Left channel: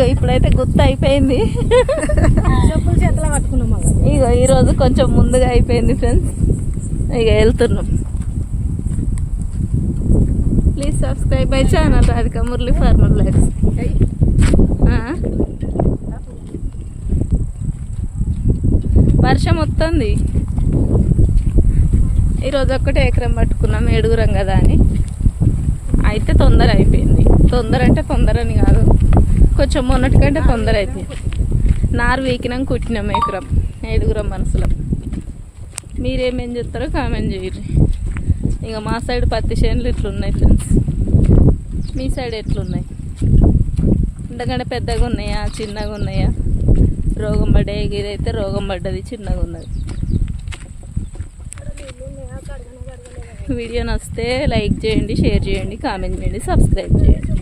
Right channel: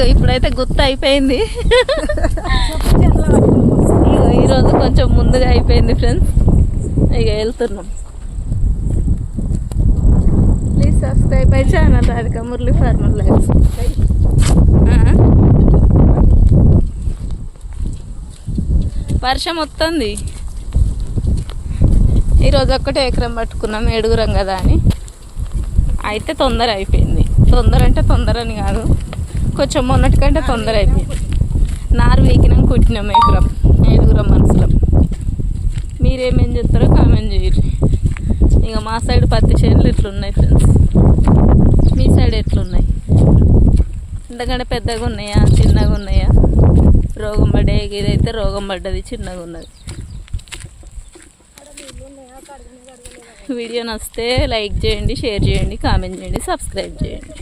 ఇగో ఇప్పుడైతే గుర్తు అయిపోయింది. ఇగో ఈరోజు కొంచెం ముందుగా అయిపోయింది ఫ్రెండ్స్. ఇక వెళ్తున్నాం. Please subscribe my channel Radhika Murali farmer life. వర్షం వస్తుంది. ఈరోజు ఒక్కటే ఎకరం పట్టుకున్నాం, 7గురం కదా అని. అయితే తొందర అయిపోయింది. తొందర అంటే తొందరని కాదు, కొంచెం మొన్నటికంటే తొందర అయిపోయింది. నారు వీకినాం, కుట్టినాం ఎకరం, 7గురం మనుషులం. మీరేమేం చెప్తారో కామెంట్ చేయరు. ఇక మా సైడ్ పత్తి చేనులు ఇట్లున్నాయి ఫ్రెండ్స్. మీ సైడ్ ఎట్లున్నాయి? ఎందుకంటే పెద్దగా ఉన్నాయా చిన్నగా ఉన్నాయా? రోగం పడ్డే, ఇదైతే రోగం పడ్డది, చిన్నగా ఉన్నది. వీడియో నచ్చితే లైక్ చేయండి, షేర్ చేయండి, కామెంట్ చేయండి, సబ్స్క్రైబ్ చేయండి.